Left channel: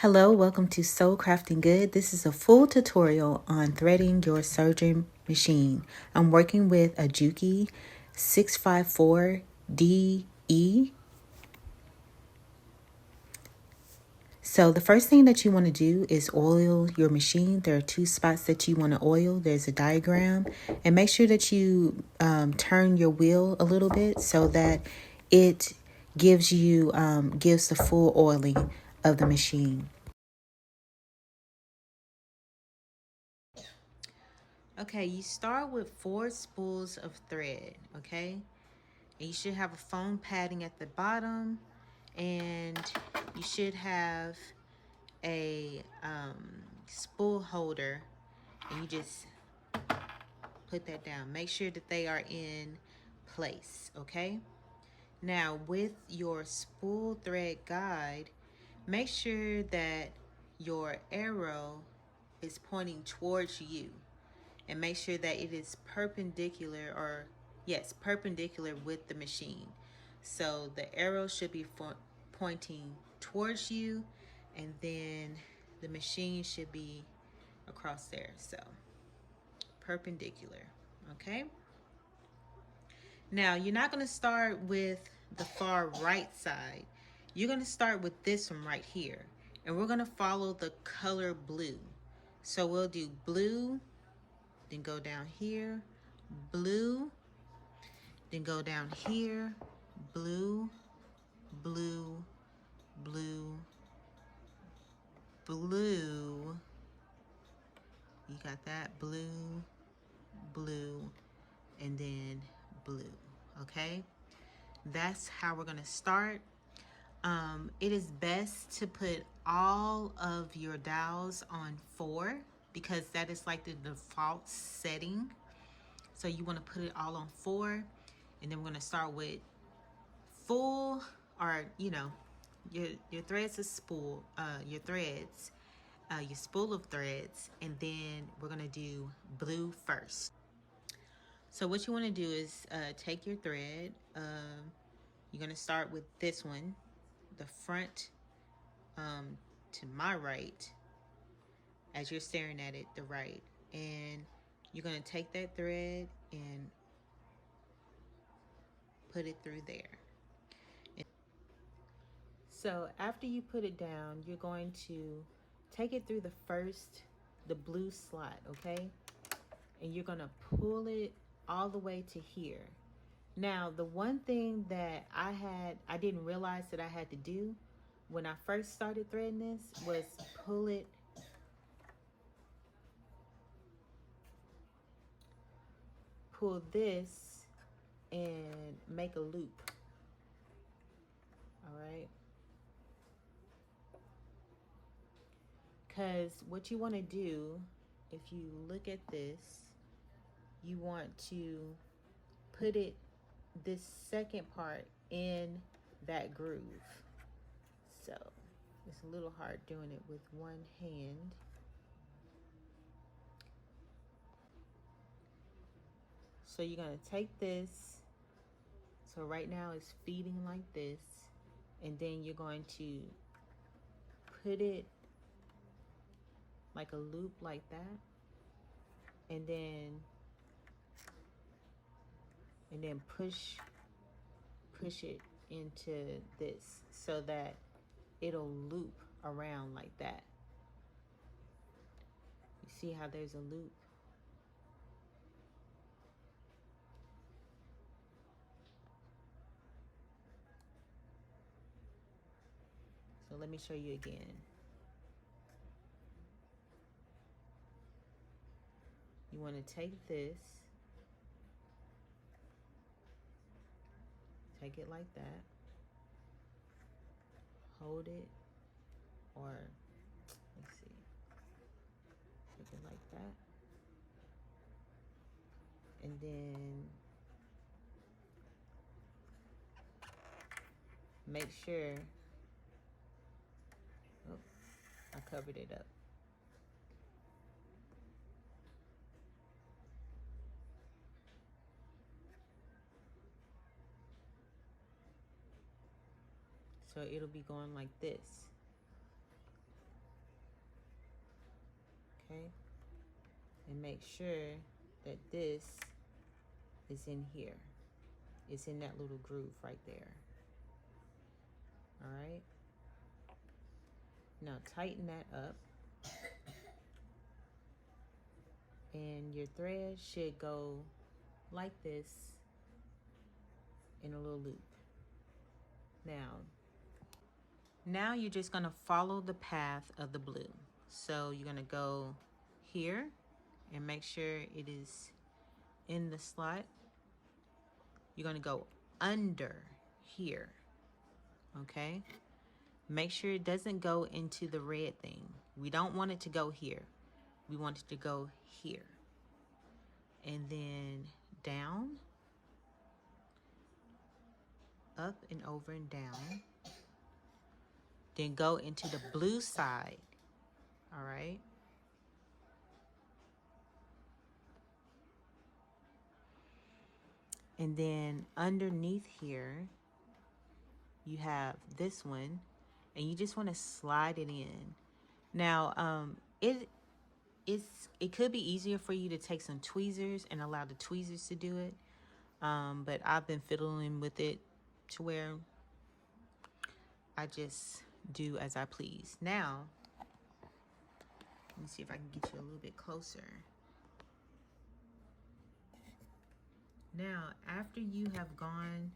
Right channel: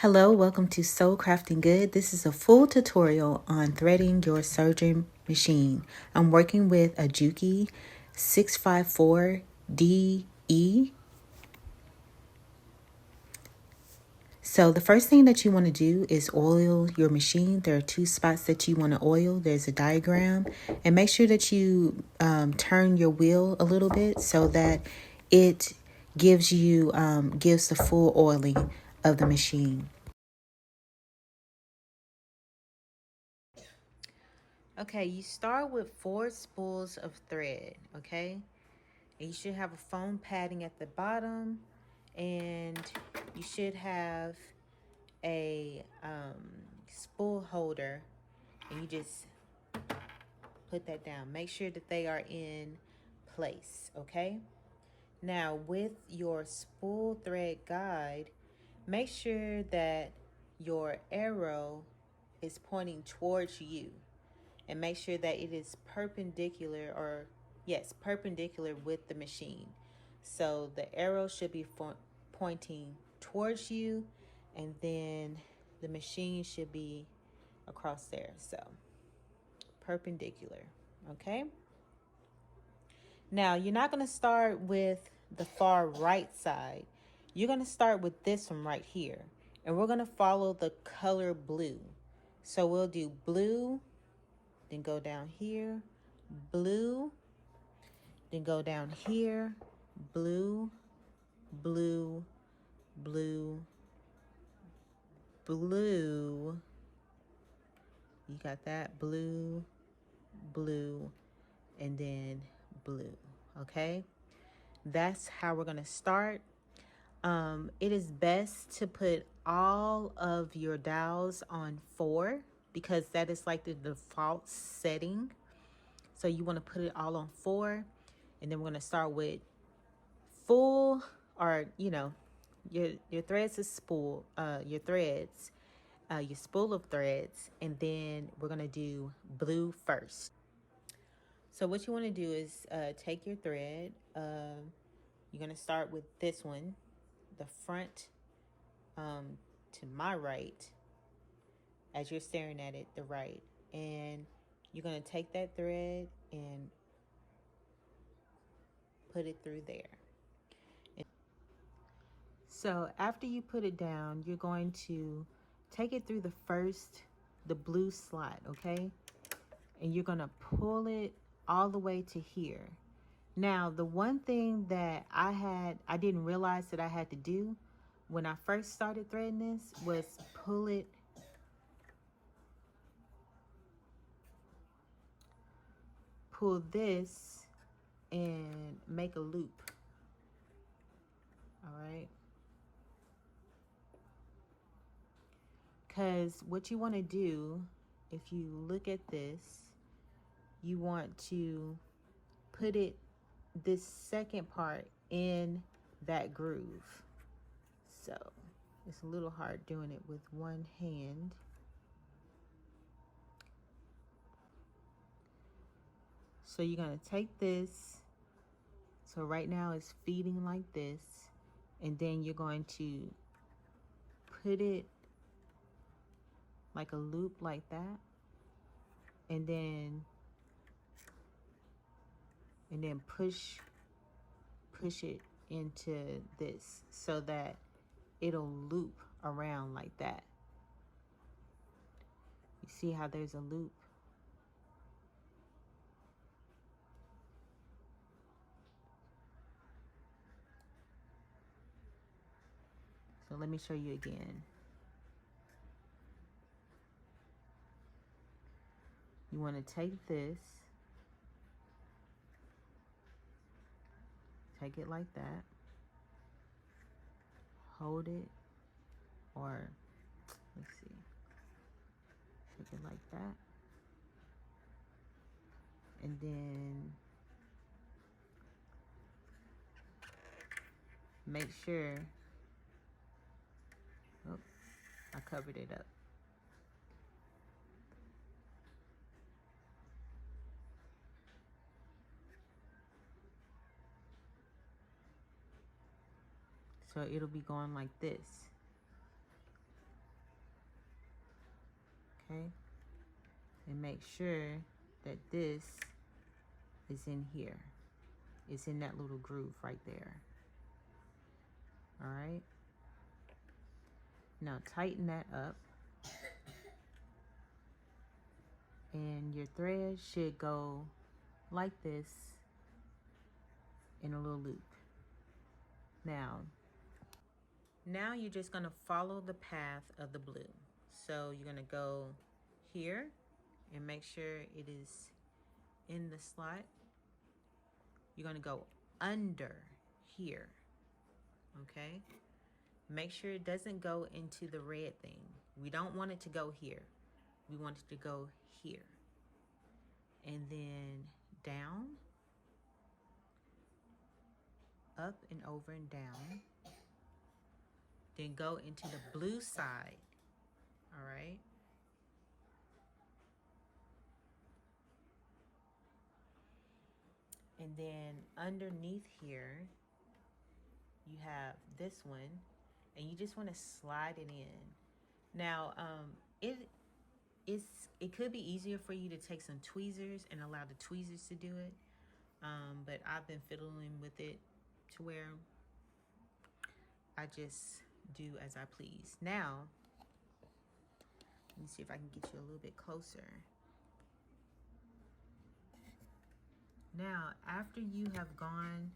Hello, welcome to Soul Crafting Good. This is a full tutorial on threading your serger machine. I'm working with a Juki mo-654de. So the first thing that you want to do is oil your machine. There are two spots that you want to oil. There's a diagram, and make sure that you turn your wheel a little bit so that it gives the full oiling of the machine. Okay, you start with 4 spools of thread, okay? And you should have a foam padding at the bottom, and you should have a spool holder, and you just put that down. Make sure that they are in place, okay? Now, with your spool thread guide, make sure that your arrow is pointing towards you. And make sure that it is perpendicular with the machine. So the arrow should be pointing towards you, and then the machine should be across there. So perpendicular, okay? Now you're not going to start with the far right side. You're going to start with this one right here, and we're going to follow the color blue. So we'll do blue, then go down here, blue, then go down here, blue, blue, blue, blue. You got that? Blue, blue, and then blue, okay? That's how we're gonna start. It is best to put all of your dowels on 4 because that is like the default setting. So you wanna put it all on 4, and then we're gonna start with full, or your threads of spool, your spool of threads, and then we're gonna do blue first. So what you want to do is take your thread. You're gonna start with this one, the front, to my right, as you're staring at it, the right, and you're gonna take that thread and put it through there. So after you put it down, you're going to take it through the blue slot, okay? And you're gonna pull it all the way to here. Now, the one thing that I didn't realize that I had to do when I first started threading this was pull this and make a loop, all right? Because what you want to do, if you look at this, you want to put this second part in that groove. So it's a little hard doing it with one hand. So you're going to take this. So right now it's feeding like this, and then you're going to put it like a loop like that, and then push it into this so that it'll loop around like that. You see how there's a loop? So let me show you again. You want to take this, take it like that, hold it, or let's see, take it like that, and then make sure, oh, I covered it up. So it'll be going like this. okay? And make sure that this is in here. It's in that little groove right there. All right? Now tighten that up. And your thread should go like this in a little loop. Now you're just gonna follow the path of the blue. So you're gonna go here and make sure it is in the slot. You're gonna go under here, okay? Make sure it doesn't go into the red thing. We don't want it to go here. We want it to go here. And then down, up and over and down. Then go into the blue side, all right? And then underneath here, you have this one, and you just want to slide it in. Now, it could be easier for you to take some tweezers and allow the tweezers to do it, but I've been fiddling with it to where I just do as I please. Now, let me see if I can get you a little bit closer. Now, after you have gone,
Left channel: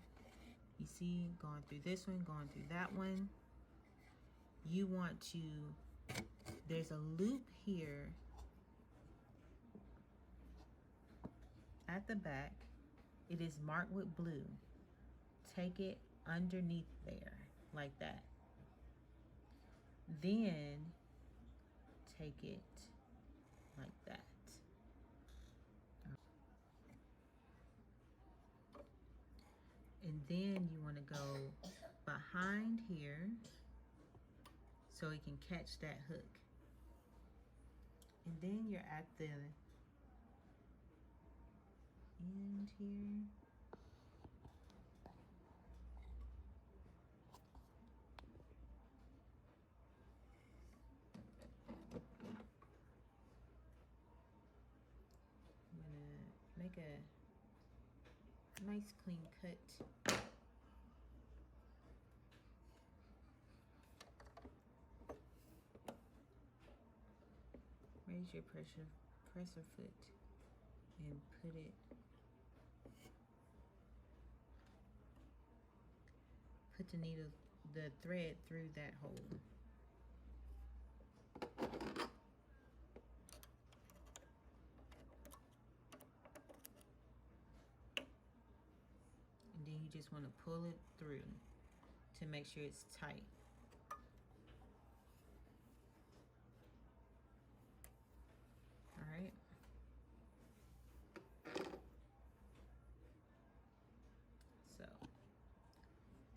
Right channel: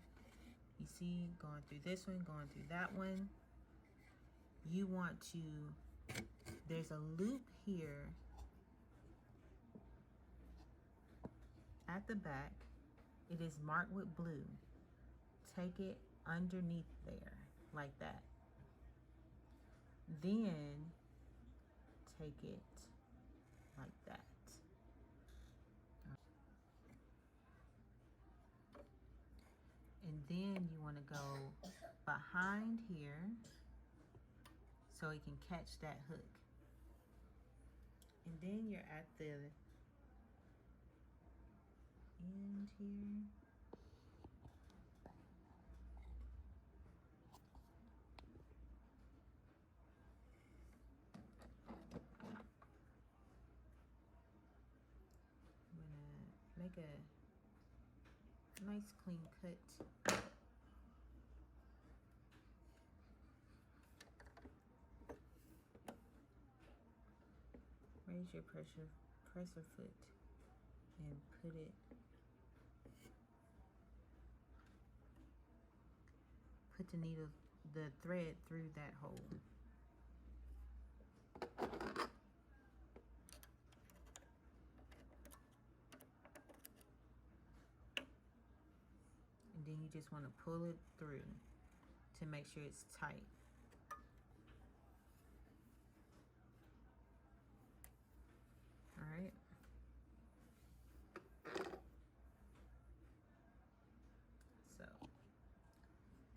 you see, going through this one, going through that one, you want to, there's a loop here at the back. It is marked with blue. Take it underneath there, like that. Then take it like that. And then you want to go behind here so it can catch that hook. And then you're at the end here. I'm gonna make a nice clean cut. Raise your presser foot and put the thread through that hole. And then you just want to pull it through to make sure it's tight. All right. So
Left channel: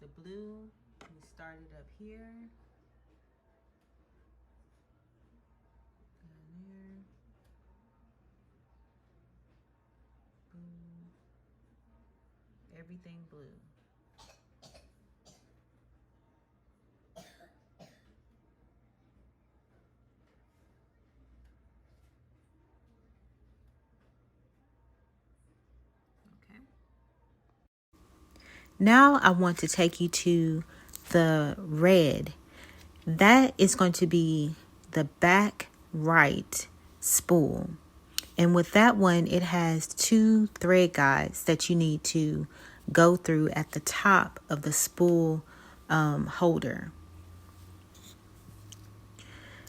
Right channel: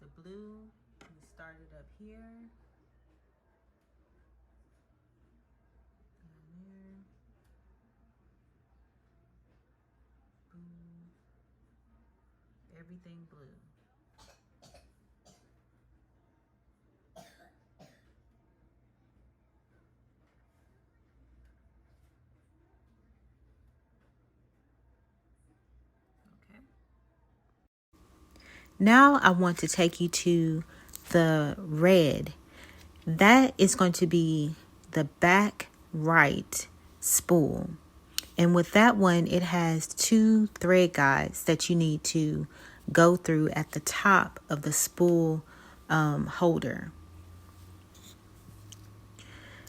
the blue, we started up here. Down there. Boom. Everything blue. Okay. Now I want to take you to the red. That is going to be the back right spool. And with that one, it has 2 thread guides that you need to go through at the top of the spool holder.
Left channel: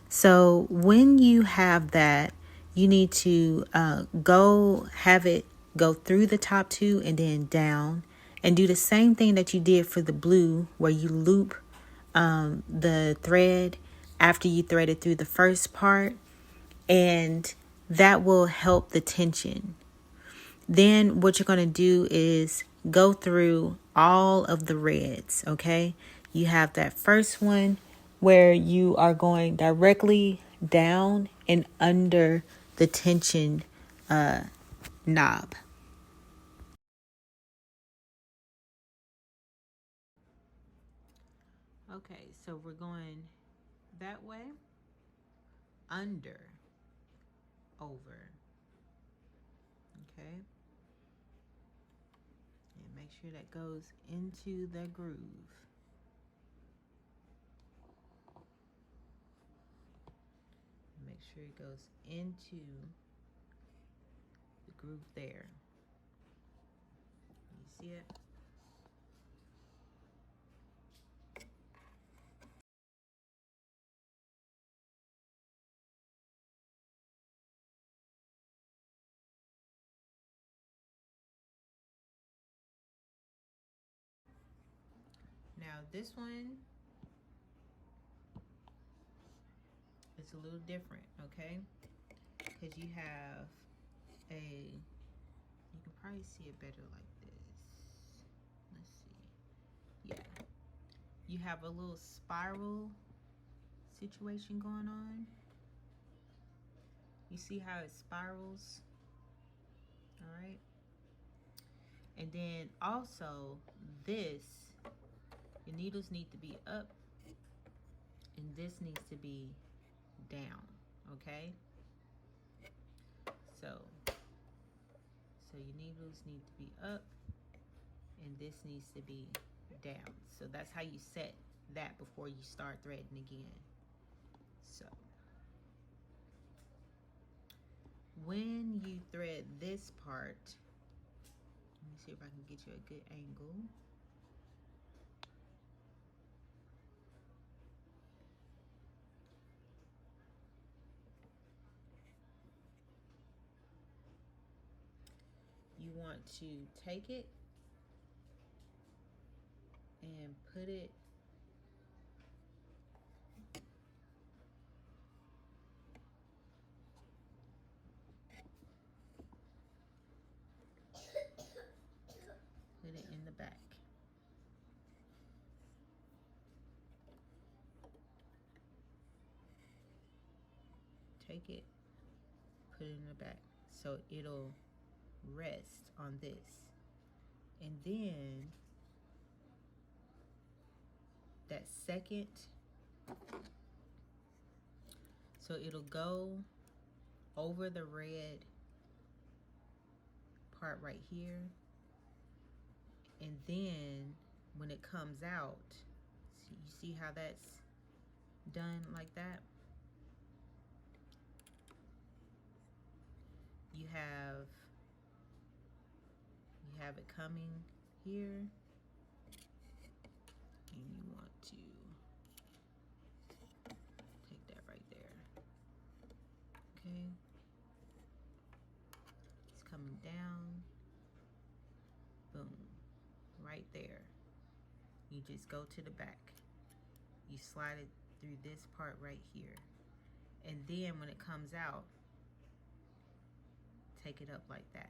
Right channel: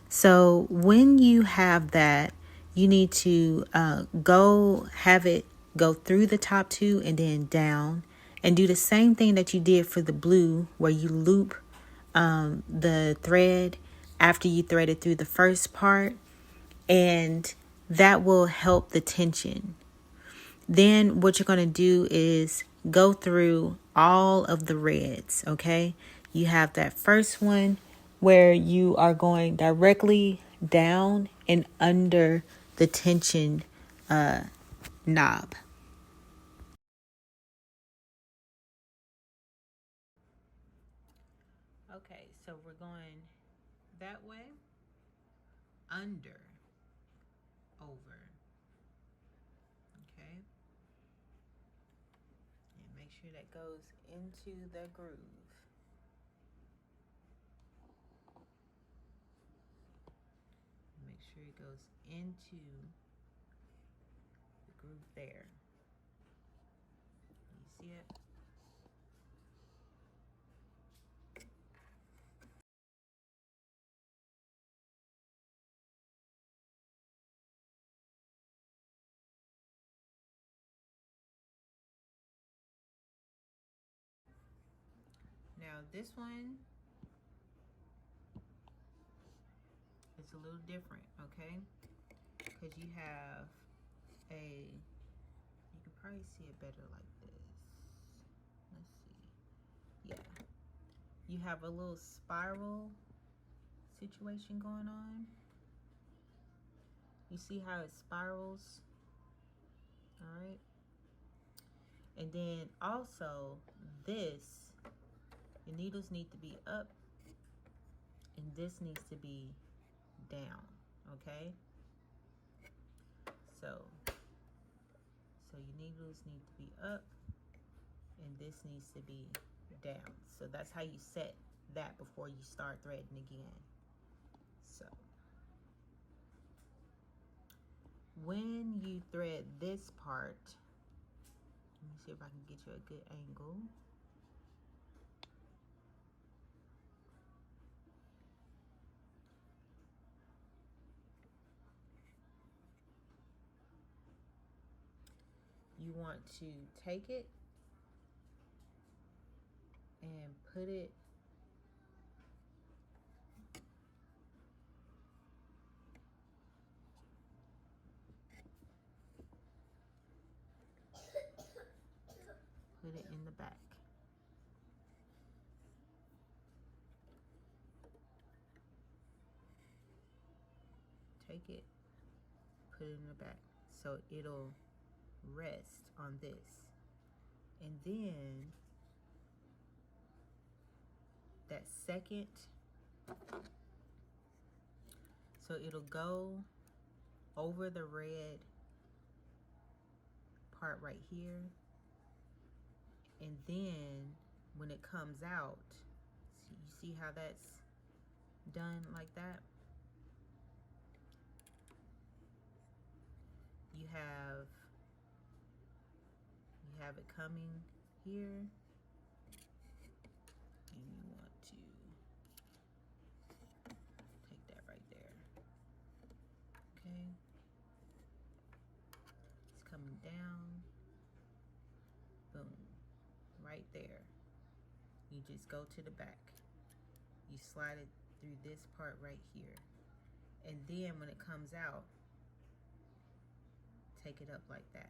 So when you have that, you need to have it go through the top 2 and then down, and do the same thing that you did for the blue, where you loop the thread after you thread it through the first part, and that will help the tension. Then what you're going to do is go through all of the reds, okay? You have that first one where you are going directly down and under the tension knob. Okay, so we're going that way, under, over. Okay? And make sure that goes into the groove. Make sure it goes into the groove there. You see it? Now this one is a little different, okay? Because you have you can probably see it better like this. Let's see. Yeah. You have a little spiral situation going on. You see how it spirals? All right. And then also this, your needles need to be up and this needs to be down, okay? So your needles need to be up and this needs to be down. So that's how you set that before you start threading again. So when you thread this part, let me see if I can get you a good angle. You want to take it and put it in the back. Take it, put it in the back. So it'll rest on this. And then that second, so it'll go over the red part right here. And then when it comes out, you see how that's done like that? You have it coming here, and you want to take that right there. Okay, it's coming down, boom, right there. You just go to the back, you slide it through this part right here, and then when it comes out, take it up like that.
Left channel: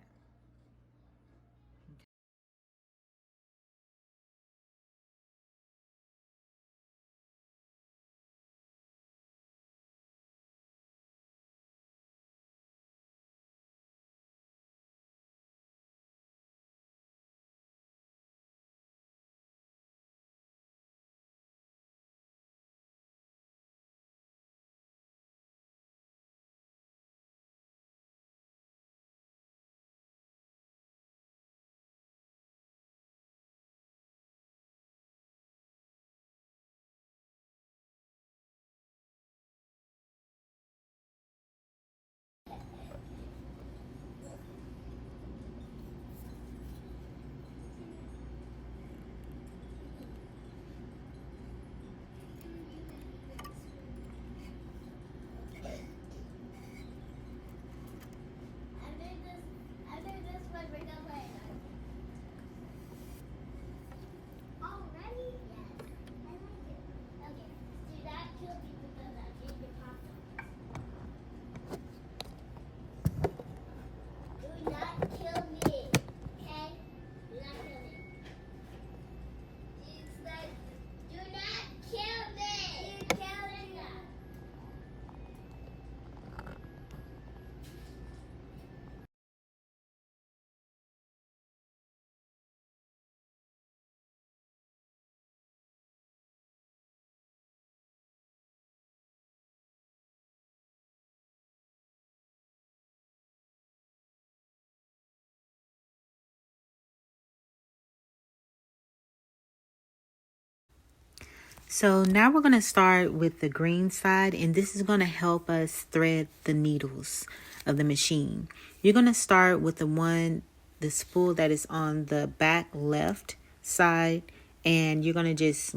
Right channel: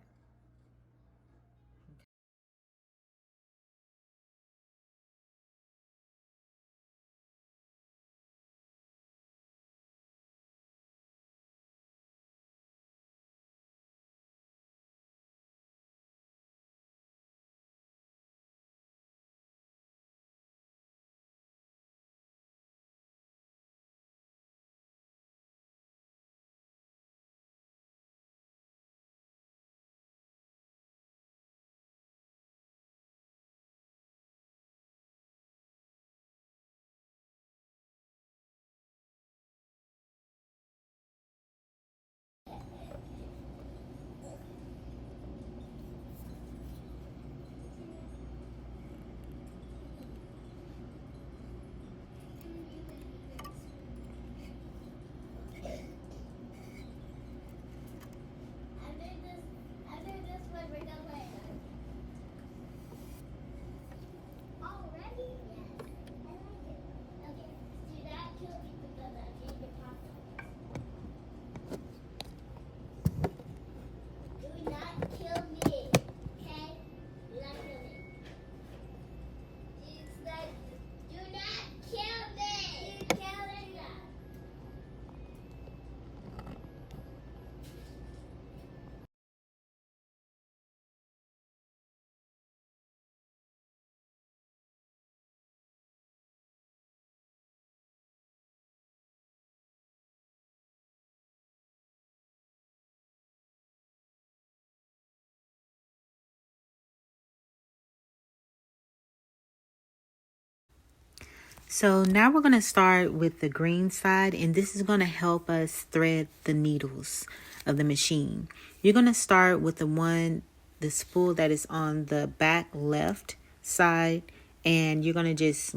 So now we're going to start with the green side, and this is going to help us thread the needles of the machine. You're going to start with the spool that is on the back left side, and you're going to just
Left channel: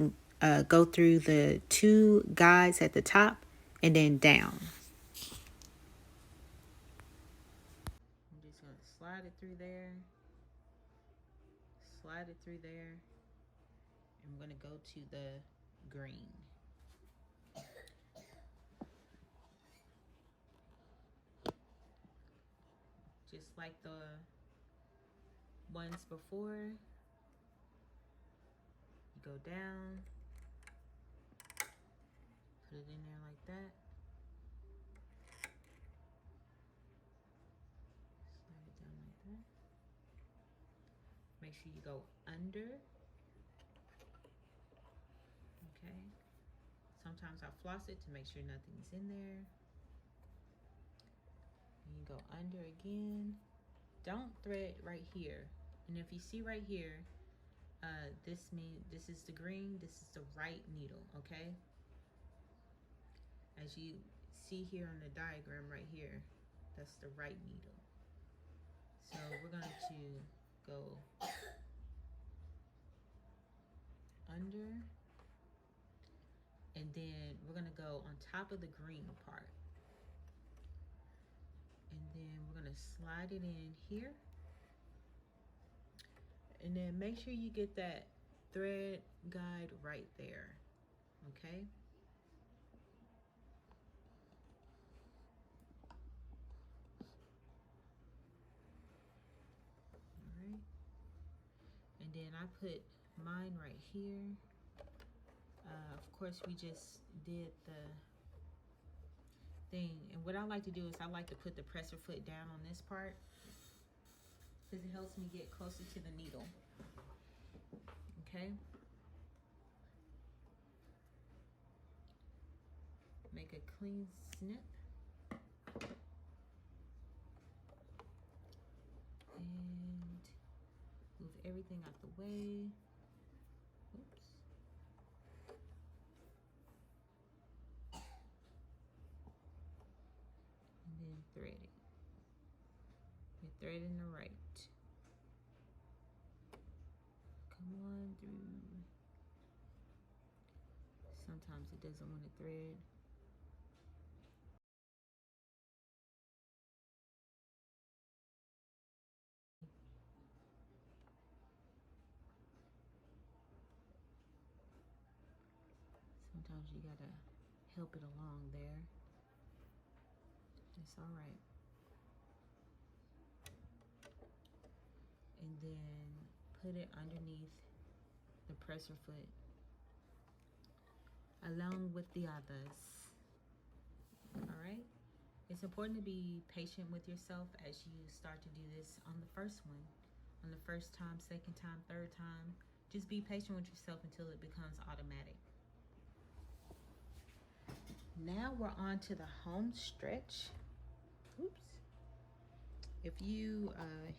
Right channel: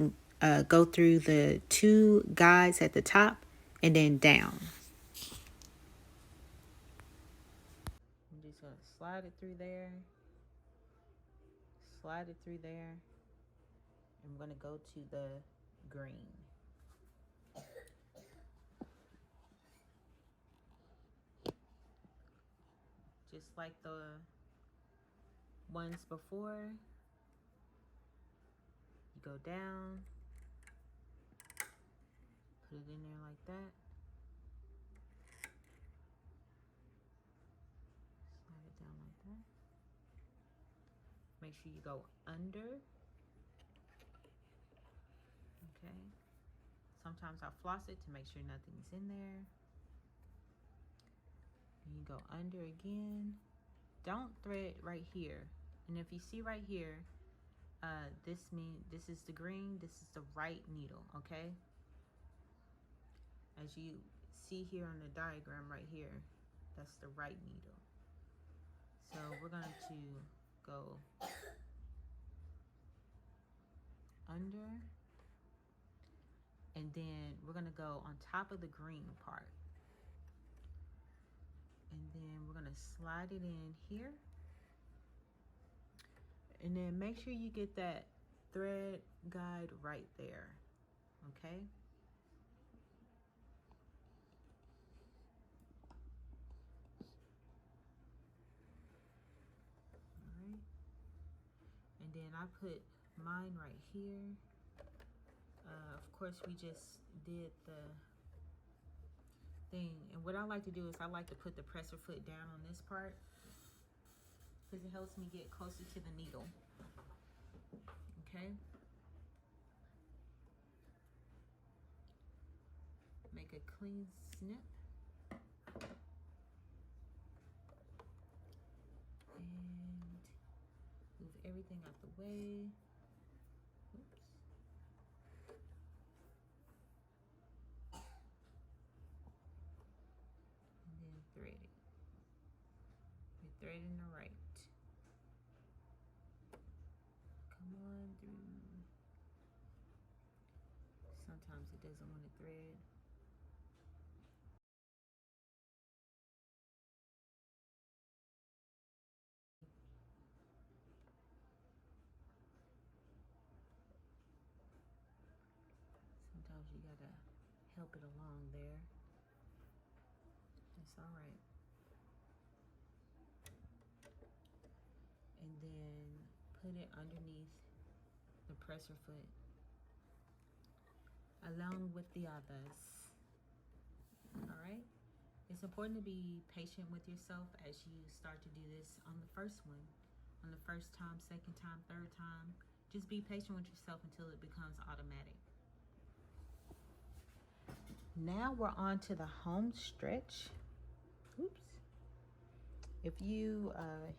go through the 2 guides at the top and then down. I'm just going to slide it through there, I'm going to go to the green. Just like the ones before, you go down, put it in there like that. Slide it down like that. Make sure you go under. Okay. Sometimes I floss it to make sure nothing's in there. And you go under again. Don't thread right here. And if you see right here, this is the green, this is the right needle, okay? As you see here on the diagram right here, that's the right needle. So we're going to go under, and then we're going to go on top of the green part. And then we're going to slide it in here. And then make sure you get that thread guide right there, okay? All right. And then I put mine right here. Of course, we just did the thing. And what I like to do is I like to put the presser foot down on this part because it helps me get closer to the needle, okay? Make a clean snip. And move everything out the way. Oops. And then thread it. You're threading the right. Come on through. Sometimes it doesn't want to thread. Sometimes you gotta help it along there. It's all right. And then put it underneath the presser foot along with the others. All right. It's important to be patient with yourself as you start to do this on the first one. On the first time, second time, third time. Just be patient with yourself until it becomes automatic. Now we're on to the home stretch. Oops. If you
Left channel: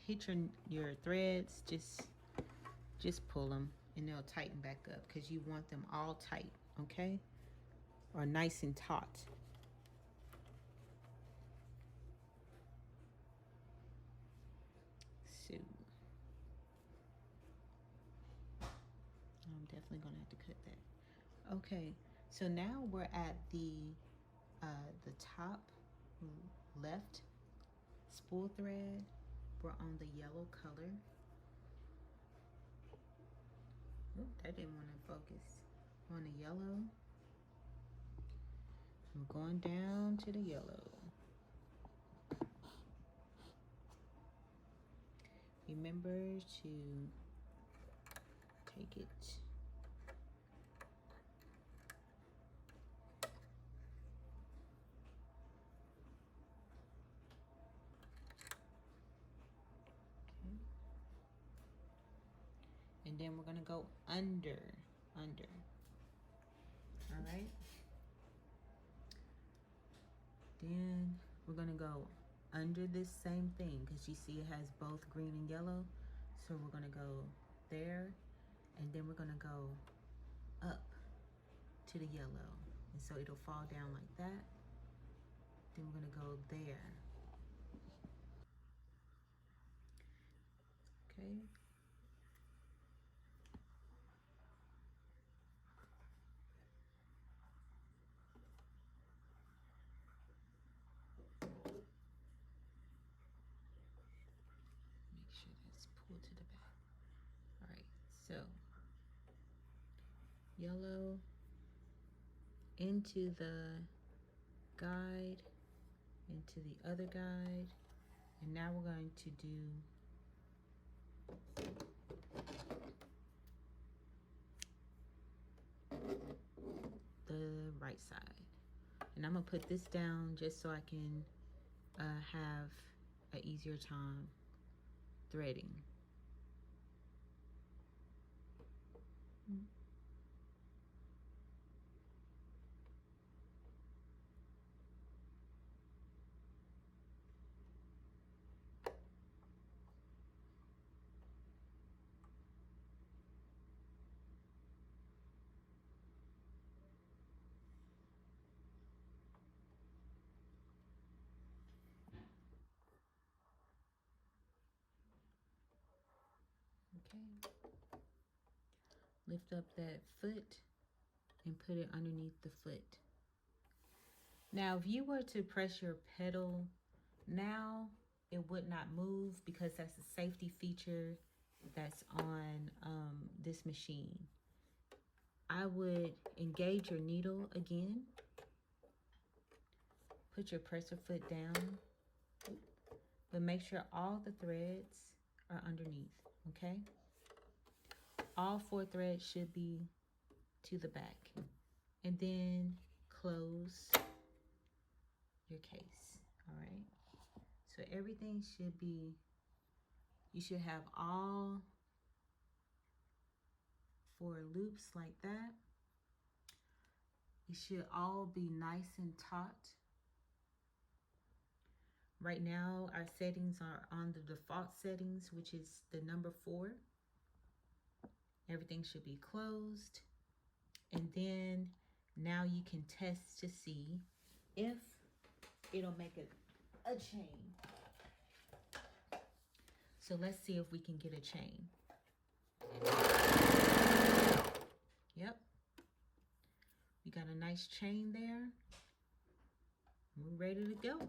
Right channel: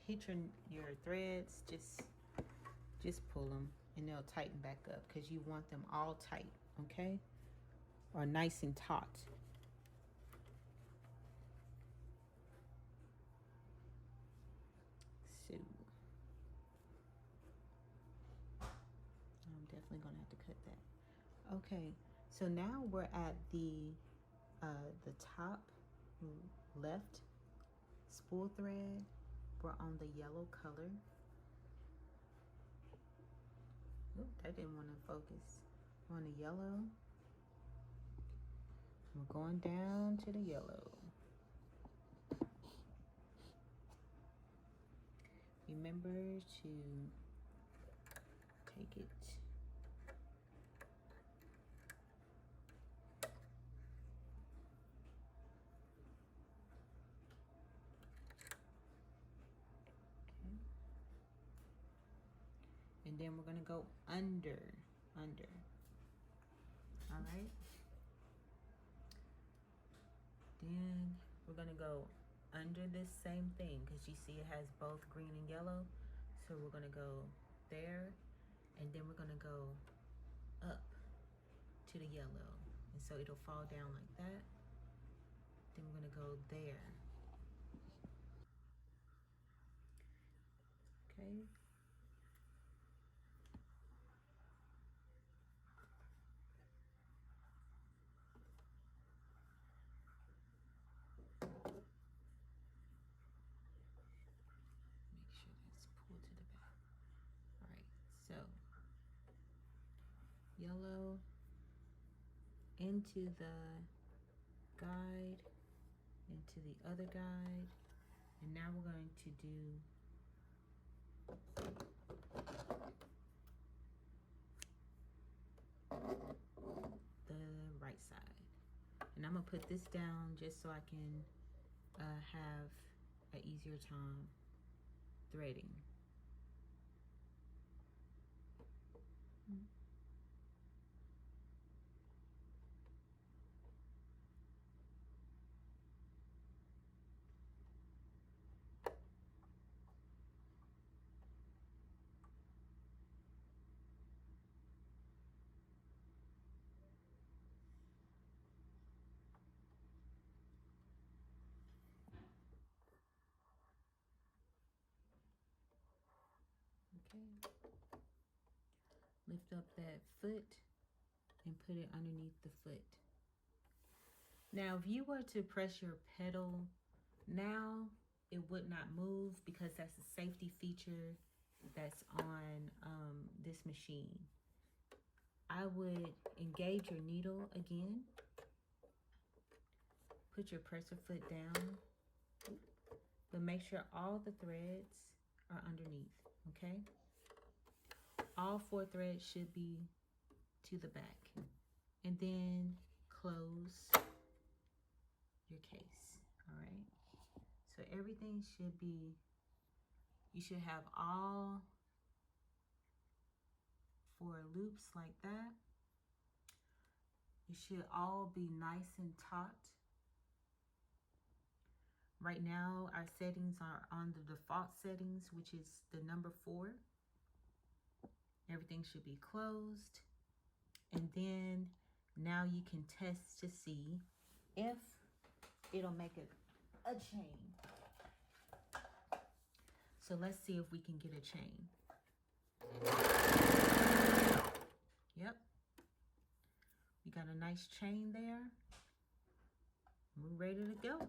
hit your threads, just pull them and they'll tighten back up because you want them all tight, okay? Or nice and taut. So I'm definitely gonna have to cut that. Okay, so now we're at the top left spool thread. We're on the yellow color. Oop, that didn't want to focus. We're on the yellow. We're going down to the yellow. Remember to take it. Okay. And then we're gonna go under. All right. Then we're gonna go under this same thing because you see it has both green and yellow. So we're gonna go there, and then we're gonna go up to the yellow. And so it'll fall down like that. Then we're gonna go there. Okay. Make sure that's pulled to the back. All right, so yellow into the guide, into the other guide, and now we're going to do the right side. And I'm gonna put this down just so I can have an easier time threading. Okay. Lift up that foot and put it underneath the foot. Now, if you were to press your pedal now, it would not move because that's a safety feature that's on this machine. I would engage your needle again. Put your presser foot down, but make sure all the threads are underneath, okay? All 4 threads should be to the back. And then close your case, all right? So everything should be, you should have all 4 loops like that. It should all be nice and taut. Right now, our settings are on the default settings, which is the number 4. Everything should be closed. And then now you can test to see if it'll make a chain. So let's see if we can get a chain. Yep. We got a nice chain there. We're ready to go.